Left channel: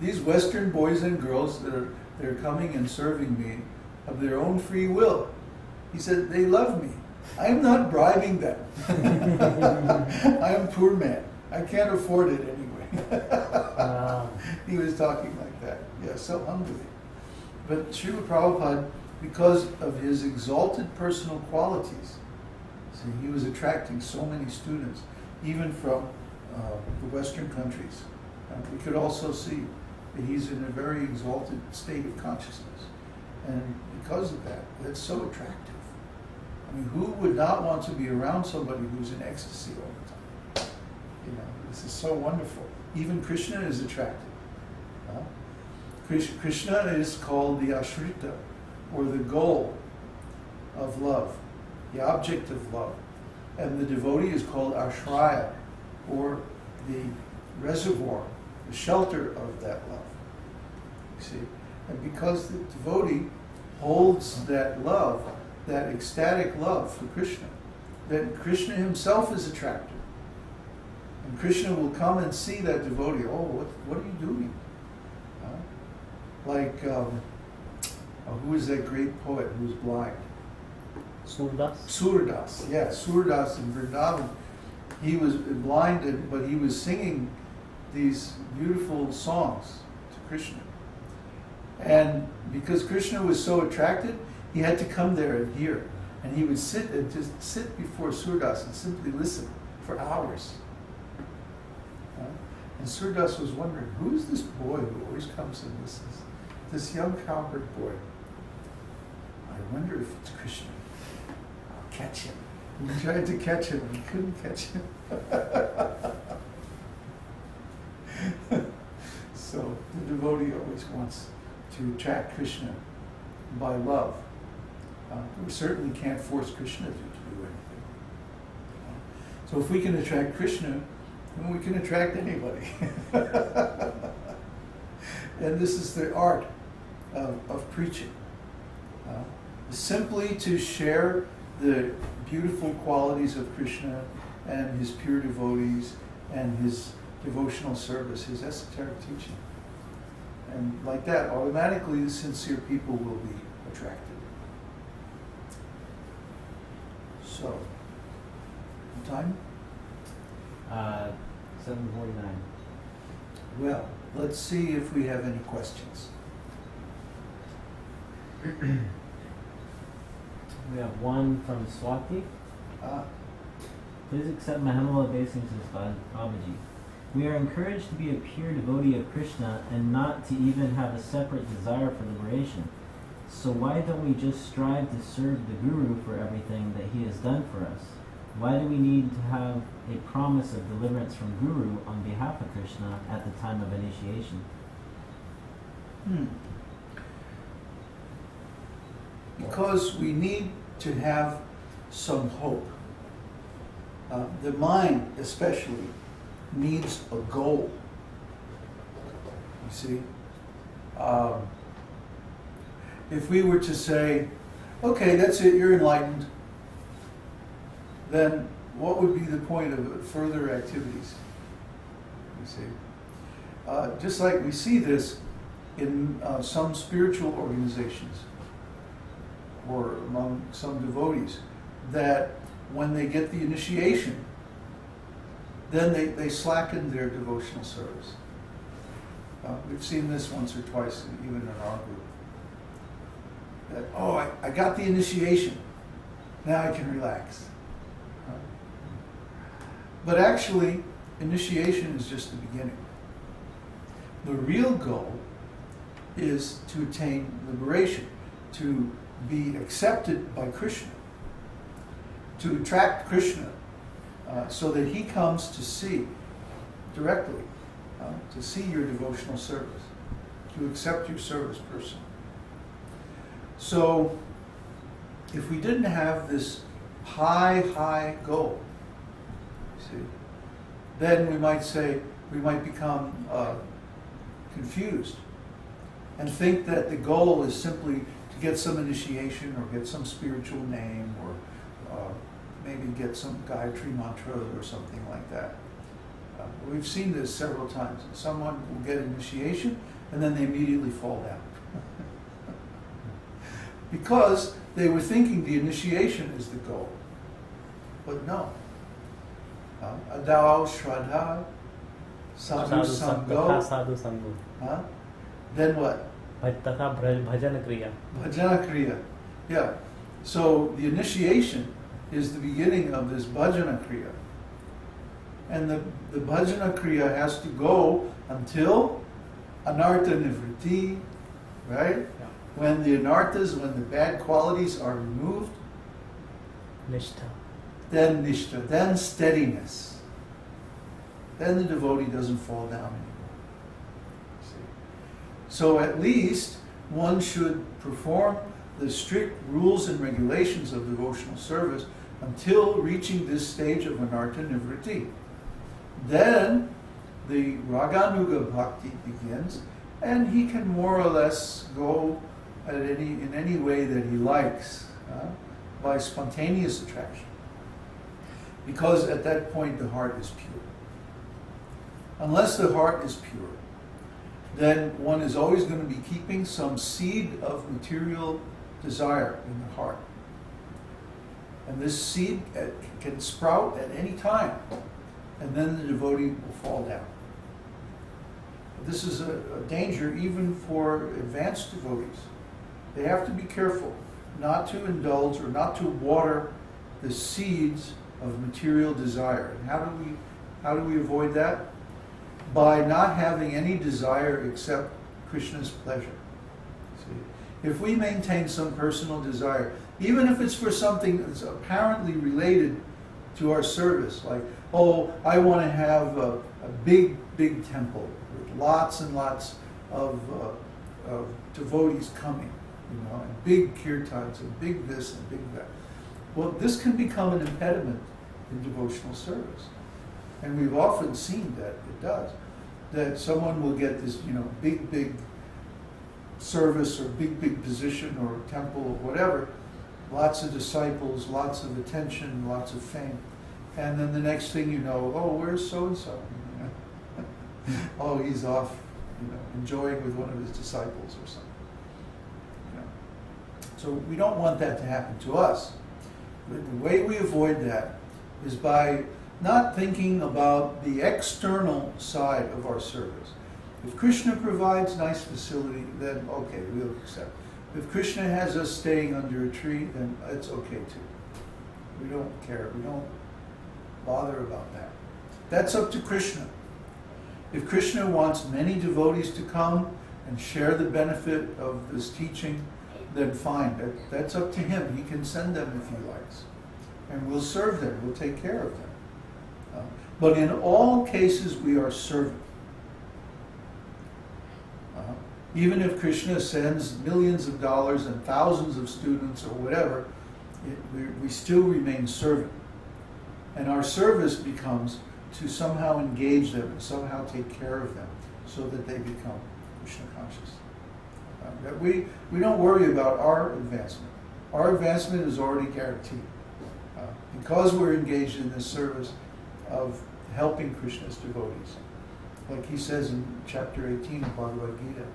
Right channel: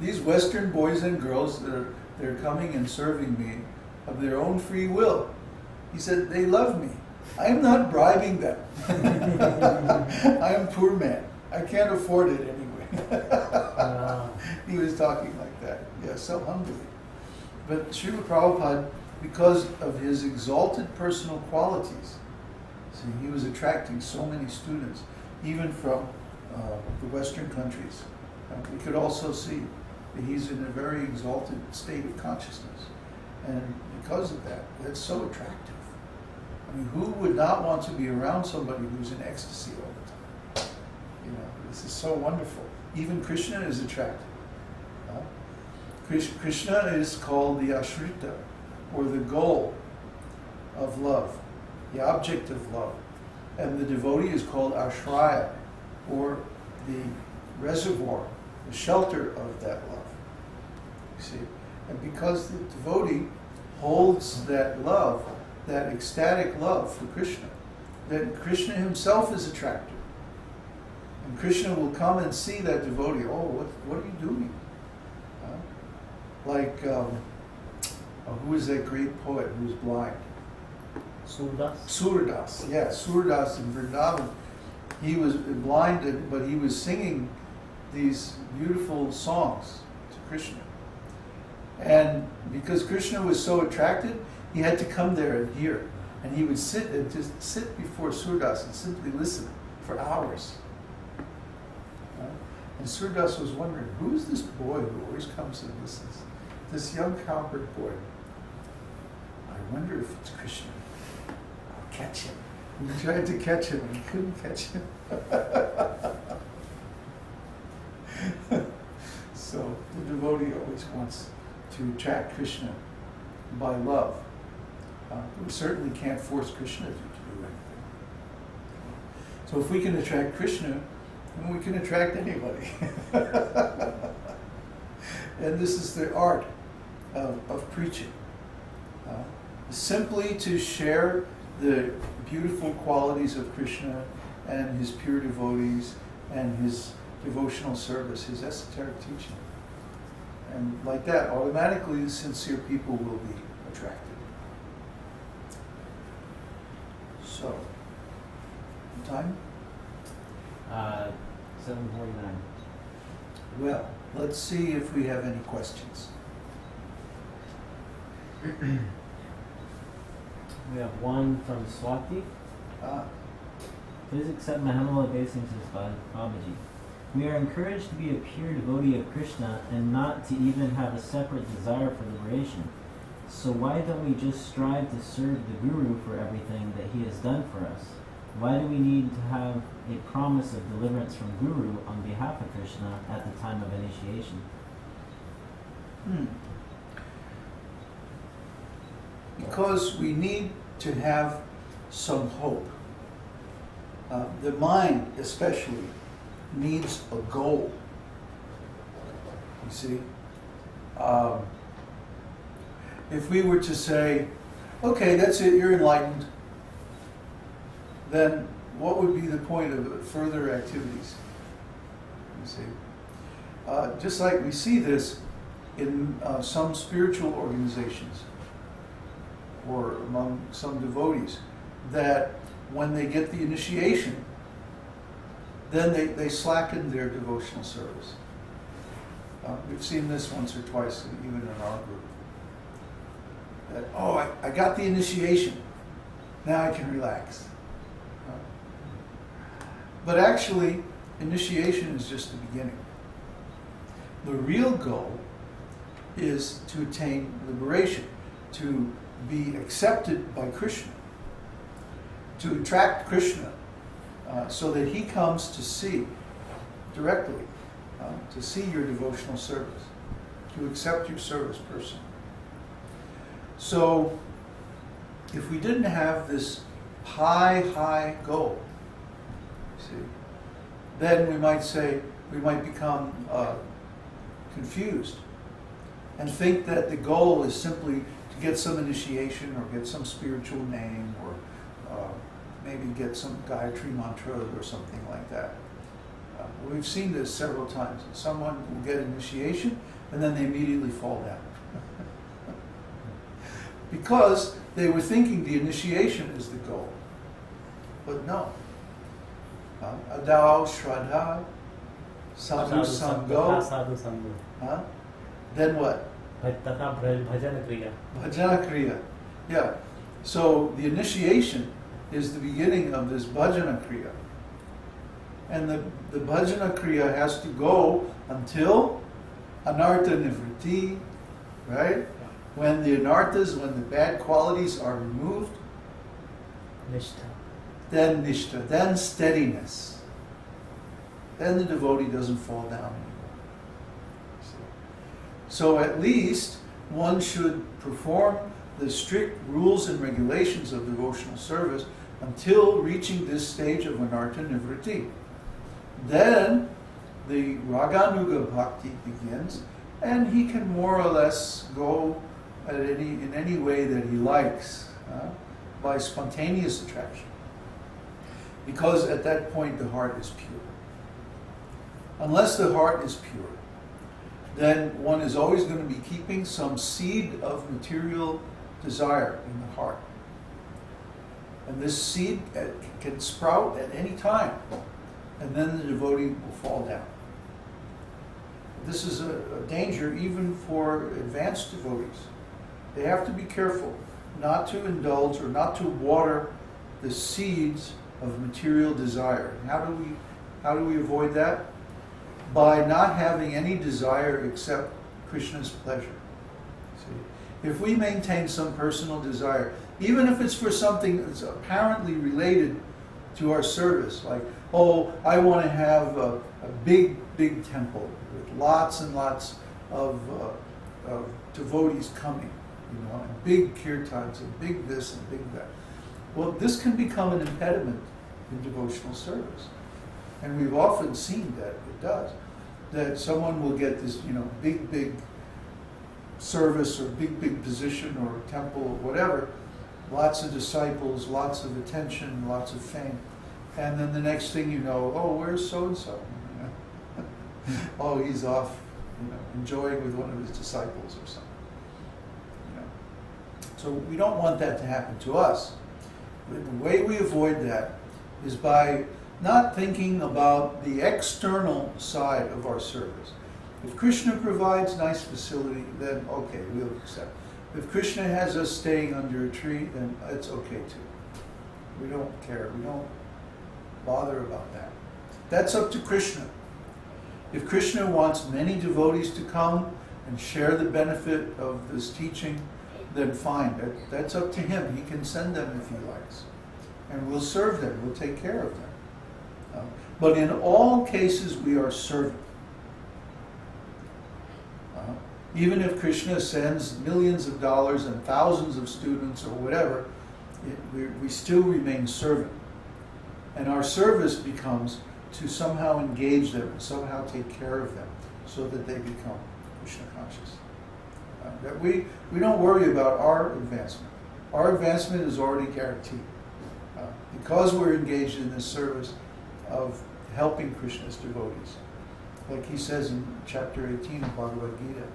these Western boys and girls they're coming and serving me of their own free will. He said, they love me. I am not bribing them. I am a poor man. I can't afford it anyway. He was talking like that. Yeah, so humbly. But Srila Prabhupada, because of his exalted personal qualities, see, he was attracting so many students, even from the Western countries. We could also see that he's in a very exalted state of consciousness. And because of that, that's so attractive. I mean, who would not want to be around somebody who's in ecstasy all the time? You know, this is so wonderful. Even Krishna is attractive. Krishna is called the ashrita, or the goal of love, the object of love. And the devotee is called ashraya, or the reservoir, the shelter of that love. You see? And because the devotee holds that love, that ecstatic love for Krishna, then Krishna himself is attracted. And Krishna will come and see that devotee. Oh, what are you doing? Like, who is that great poet who was blind? Surdas? Surdas, yeah, Surdas in Vrindavan. He was blind, but he was singing these beautiful songs to Krishna. And because Krishna was so attracted, he had to come there and hear. And he would sit and just sit before Surdas and simply listen for hours. And Surdas was wondering, who is this boy who always comes and listens? This young cowherd boy. I wonder if it's Krishna. I'll catch him. And he tried to catch him and he couldn't catch him. So the devotee always wants to attract Krishna by love. We certainly can't force Krishna to do anything. So if we can attract Krishna, then we can attract anybody. And this is the art of preaching. Simply to share the beautiful qualities of Krishna and his pure devotees and his devotional service, his esoteric teaching. And like that, automatically the sincere people will be attracted. So, time? 7:49. Well, let's see if we have any questions. We have one from Swati. Please accept my humble obeisances, Babaji. We are encouraged to be a pure devotee of Krishna and not to even have a separate desire for liberation. So why don't we just strive to serve the Guru for everything that he has done for us? Why do we need to have a promise of deliverance from Guru on behalf of Krishna at the time of initiation? Because we need to have some hope. The mind especially needs a goal. You see? If we were to say, okay, that's it, you're enlightened, then what would be the point of further activities? You see? Just like we see this in some spiritual organizations or among some devotees, that when they get the initiation, then they slacken their devotional service. We've seen this once or twice, even in our group. That, oh, I got the initiation, now I can relax. But actually, initiation is just the beginning. The real goal is to attain liberation, to be accepted by Krishna, to attract Krishna so that he comes to see directly, to see your devotional service, to accept your service personally. So, if we didn't have this high goal, see, then we might say, we might become confused and think that the goal is simply to get some initiation or get some spiritual name or maybe get some Gayatri mantra or something like that. We've seen this several times. Someone will get initiation and then they immediately fall down. Because they were thinking the initiation is the goal. But no. Adao, Shraddha, Sadhu Sango. Then what? Bhajana Kriya. Bhajana Kriya. Yeah. So the initiation is the beginning of this Bhajana Kriya. And the Bhajana Kriya has to go until Anartha Nivritti, right? Yeah. When the anarthas, when the bad qualities are removed, Nishtha. then Nishtha, then steadiness. Then the devotee doesn't fall down anymore. See? So at least one should perform the strict rules and regulations of devotional service until reaching this stage of Anartha Nivritti. Then the Raganuga Bhakti begins, and he can more or less go in any way that he likes, by spontaneous attraction. Because at that point the heart is pure. Unless the heart is pure, then one is always going to be keeping some seed of material desire in the heart. And this seed can sprout at any time, and then the devotee will fall down. This is a danger even for advanced devotees. They have to be careful not to indulge or not to water the seeds of material desire. And how do we avoid that? By not having any desire except Krishna's pleasure. See, if we maintain some personal desire, even if it's for something that's apparently related to our service, like, oh, I want to have a big temple with lots and lots of devotees coming, and big kirtans and big this and big that. Well, this can become an impediment in devotional service. And we've often seen that it does. That someone will get this, big service or big position or temple or whatever, lots of disciples, lots of attention, lots of fame. And then the next thing you know, oh, where's so-and-so? Oh, he's off, enjoying with one of his disciples or something. So we don't want that to happen to us. But the way we avoid that is by not thinking about the external side of our service. If Krishna provides nice facility, then okay, we'll accept. If Krishna has us staying under a tree, then it's okay too. We don't care. We don't bother about that. That's up to Krishna. If Krishna wants many devotees to come and share the benefit of this teaching, then fine. That's up to him. He can send them if he likes. And we'll serve them. We'll take care of them. But in all cases, we are serving. Even if Krishna sends millions of dollars and thousands of students or whatever, we still remain serving. And our service becomes to somehow engage them and somehow take care of them so that they become Krishna conscious. That we don't worry about our advancement. Our advancement is already guaranteed. Because we're engaged in this service of helping Krishna's devotees. Like he says in chapter 18 of Bhagavad-gītā,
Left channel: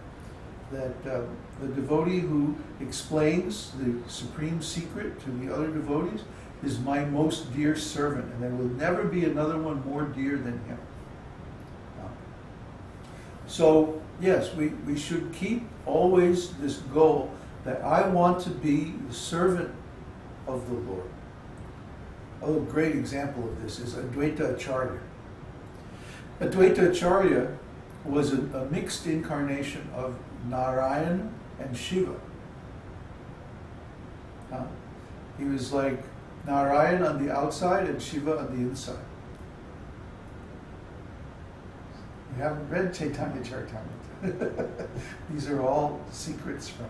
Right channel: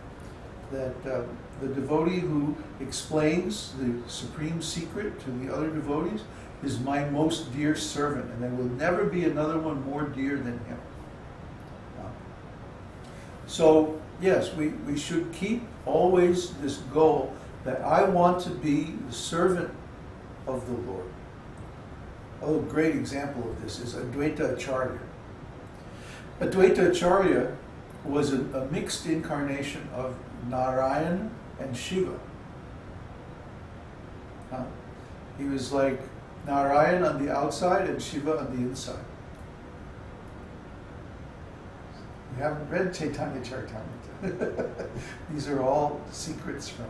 that the devotee who explains the supreme secret to the other devotees is my most dear servant, and there will never be another one more dear than him. So, yes, we should keep always this goal that I want to be the servant of the Lord. A great example of this is Advaita Acharya. Advaita Acharya was a mixed incarnation of Narayan and Shiva. He was like Narayan on the outside and Shiva on the inside. You haven't read Caitanya-caritāmṛta. These are all secrets from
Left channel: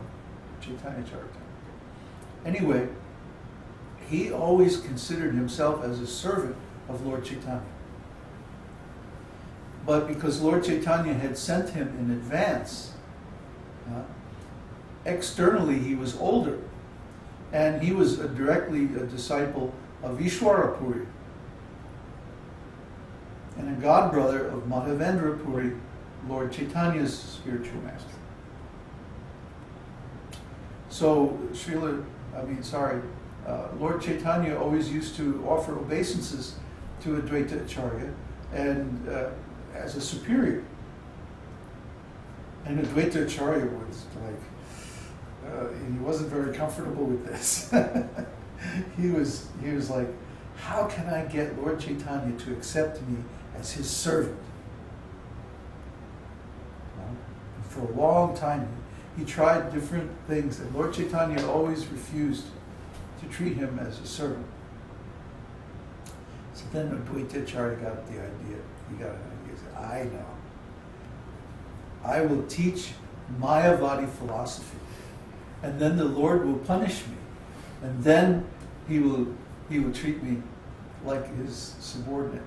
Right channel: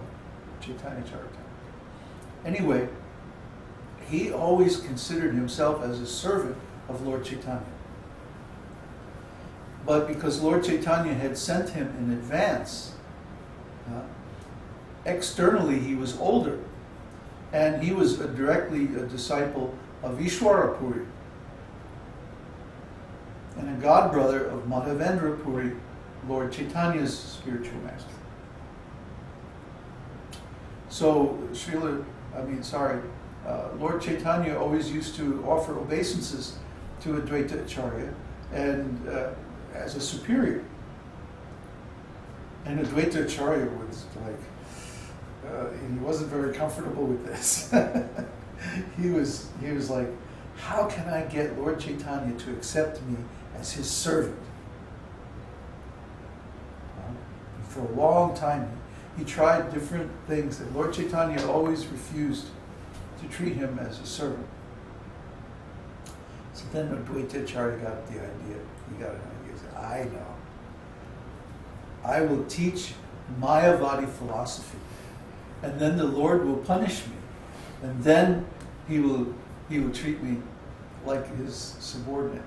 Caitanya-caritāmṛta. Anyway, he always considered himself as a servant of Lord Chaitanya. But because Lord Chaitanya had sent him in advance, externally he was older, and he was directly a disciple of Ishwarapuri. and a god brother of Madhavendra Puri, Lord Chaitanya's spiritual master. So, Lord Chaitanya always used to offer obeisances to Advaita Acharya and as a superior. And Advaita Acharya was he wasn't very comfortable with this. he was like, how can I get Lord Chaitanya to accept me as his servant? And for a long time, he tried different things, and Lord Chaitanya always refused to treat him as a servant. So then Advaita Acharya got the idea. He got an idea. He said, I know. I will teach Mayavadi philosophy, and then the Lord will punish me, and then he will treat me like his subordinate.